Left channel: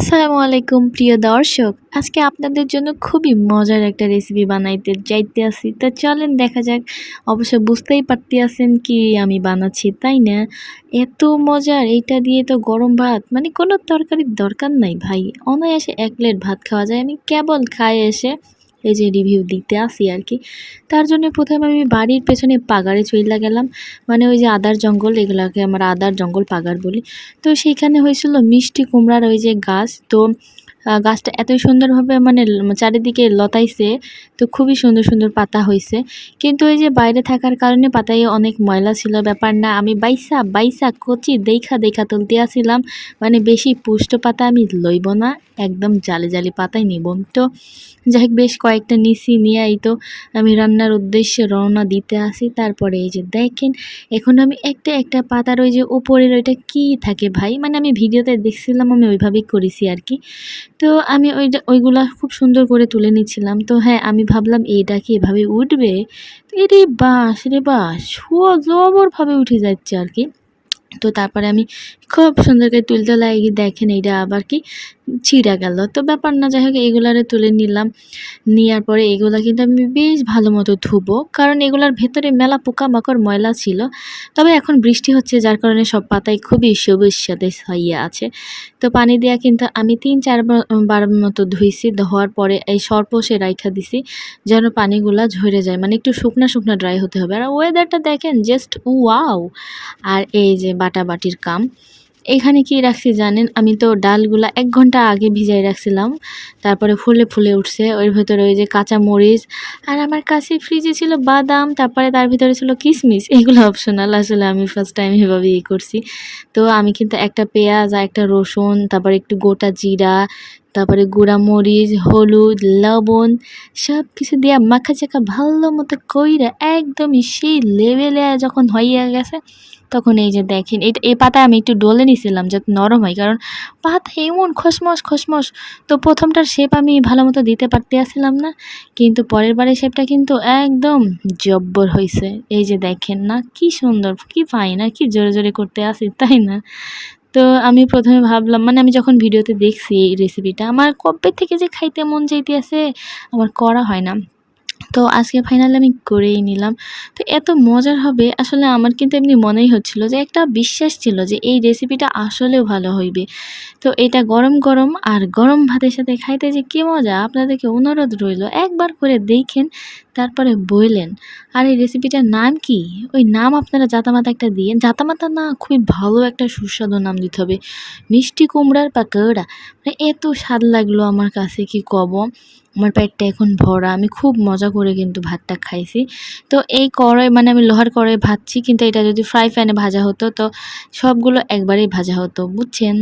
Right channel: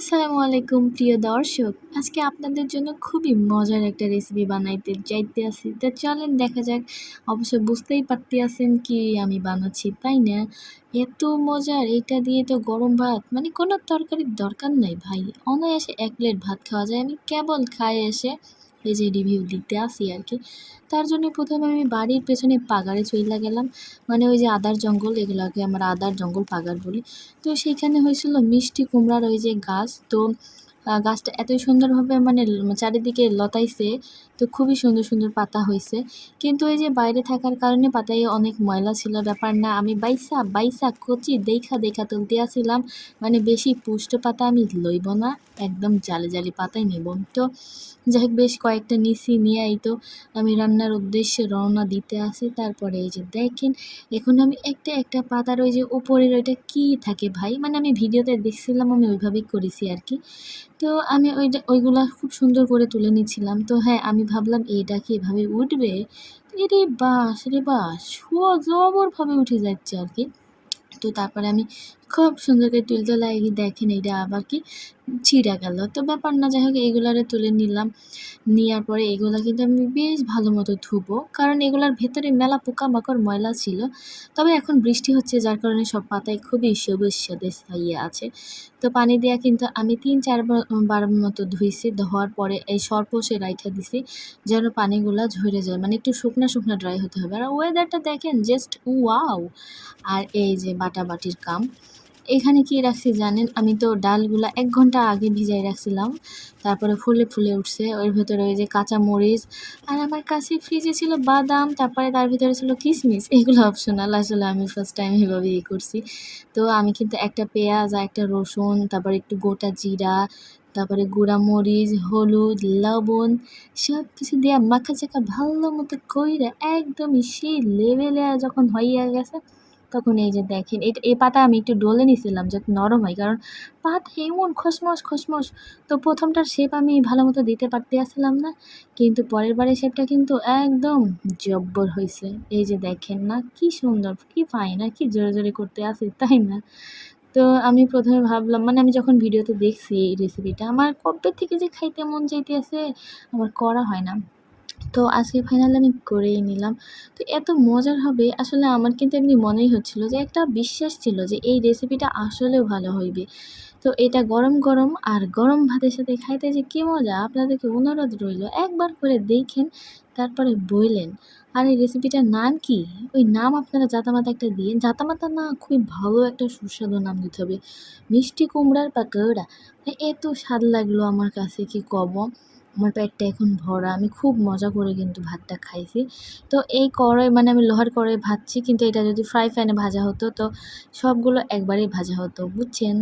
আসসালামু আলাইকুম, প্রিয় দর্শক। আজকে আপনাদের জন্য খুবই মজার একটা রেসিপি বানাইতে যাইতে আসি। তা চলেন দেখা যাক। অবশ্য বুঝতেই পারতে আছেন কি আমি বানাচ্ছি, তাই না? এত মজার, এইটা দিয়ে তো গরম ভাত। মানে কোনো তরকারির দরকার নাই ভাই। অনায়াসে এক প্লেট ভাত খাওয়া যায়। আমি কেবল খাই এসে এই যে রিভিউ দিতে আসি আর কি। তার জন্য প্রথমে আমি বাড়ির পেছনে পাগারে চইলা গেলাম। মানে ওই যে আদার জঙ্গল, এগুলাকে আমরা আদার জঙ্গল পাগার বলি। তো সেইখানে হয়েছিল মিষ্টি কুমড়ার ওই যে গাছ। তো গাছটা এত সুন্দরভাবে মানে চারিদিকে লতাইছে, তো খুবই সুন্দর সুন্দর পাতা হয়েছে কিন্তু ওই যে বাইরে থাকার কারণে পাতায় অনেক ময়লা ছিল, ব্যাপার না। আমি বাইসা বাইসা, কচি দেখা দেখা তুলতে আসছিলাম মানে বেশি পুষ্ট পাতা আমি লইব না, একদম জালে জালি পাতাই নিব। তো যাই হোক, বেশ কয়েকটা নিছি, নিয়ে এই তো আমি রান্নার উদ্দেশ্যে রওনা দিতে আসি। তারপরে এই যে দেখেন, এখন আমি একটা একটা পাতার ওই যে উপরের ওইটা কি থাকে ভাই? মানে আমি ভিডিওতে দেখছিলাম, আমি ওইভাবেই করেছি আর কি। তো আমি ওইটা ওইগুলা খুব সুন্দর করে তুলে নিচ্ছিলাম তো হ্যাঁ আমি ভাবলাম এইটা কি এভাবে উঠবে? এরে বাস রে বাস জবরভাবে উঠে যাচ্ছে আর কি। তো তারপরে আমি খুব সুন্দর করে তুলতে লাগি, দেখেন এইটা আবার কি ছিঁড়া গেল। তো ব্যাপার না, যাই হোক, এগুলারে তুলে নিলাম। নেওয়ার পরে এগুলো কিন্তু আমি বেশ ভালো মতো ধুবো, কারণ এগুলার ভেতরে মেলা পোকামাকড়, ময়লা ছিল। তবে এখন বৃষ্টি হচ্ছে, যার কারণে সব পাতায় খুবই সবুজ সাথে হইয়া আছে। তো পানি দেওয়া কিন্তু আমি তিন চারবার মতো ধুইছি, ধোয়ার পরে এই সর্পসে রাইখা দিছি, যেন পানিগুলা ঝরে যায়। মানে একটু শুকনা শুকনা ড্রাই হতে হবে। আর ওয়েদারটা দেখেন জাস্ট ওয়াও আর এই যে বাটাবাটির কাম। এখানে কি রাখছি জানেন? আমি তো ডালগুলা এক ঘণ্টা আগে ভিজাই রাখছিলাম। তারপরে ফুলে ফুলে উঠছে। ওর ভেতরে ওই যে কাঁচা মরিচ আর আমার কাছে ফ্রিজে ছিল বাদাম, তারপরে তার ভিতরে ছিল কিশমিশ এগুলো অপশনাল আসলে আমি ফার্স্ট টাইম এভাবে ইয়ে করছি। তো আমি কিন্তু একটা পেঁয়াজ আর একটা রসুন, তারপরে একটু গোটা জিরা তারপরে মরিচ, হলুদ, লবণ সব কিছু দিয়া মাখা চাকা ভালো মতো কইরা একদমই সেই লেভেলে যখন হইয়া গেছে, তখন এই যে দেখেন এটা এই পাতা আমি একটু ডলে নিছিলাম যাতে নরম হয়, কারণ পাতা এমন খসমস খসমস। তো প্রথমটার শেপ আমি ভালো মতো দিতে পারতে আসছিলাম না, কিন্তু পরের বারের শেপটা কিন্তু একদম জব্বর হয়েছে এই যে দেখেন না, কি সুন্দর, কি পাই না কি জোরে জোরে করতে আসি তাই না? তো আমি প্রথমে ভাবলাম মানে আমি যখন ভিডিওতে দেখছি এই রেসিপিটা আমার কবে থেকে যে খাইতে মন চাইতে আছে আমার করা হয় না। তো আজকে ফাইনালি আমি করেই নিলাম। তো এত মজার হবে, আসলে আমার কিন্তু এমনি মনেই হচ্ছিল যে একটা বিশ্বাস ছিল যে এই রেসিপিটা আসলেও ভালো হইবে। তো এটা গরম গরম আর গরম ভাতের সাথে খাইতে যে কী মজা, আপনাদেরকে অনুরোধ রইল একবার করে দেখেন তারপরে বললেন, আর এই রেসিপিটার নাম কি? ওই নাম আপনারা জাতামাতা একটা দিয়ে জাতামাতা না খুবই ভালো একটা সুস্বাদু নাম দিতে হবে। মিষ্টি কুমড়ার পাকোড়া মানে এত স্বাদ লাগল আমার কাছে, কি কব? আমার পেটটা এখন ভরা। আমি খুব মজা করে কিন্তু ভাতটা খাইছি। তো এই কড়াই মানে আমি লোহার কড়াই ভাজছি, কিন্তু এটা যদি ফ্রাই প্যানে ভাজা হতো, তো সবগুলো একবারেই ভাজা হতো। বুঝছেন?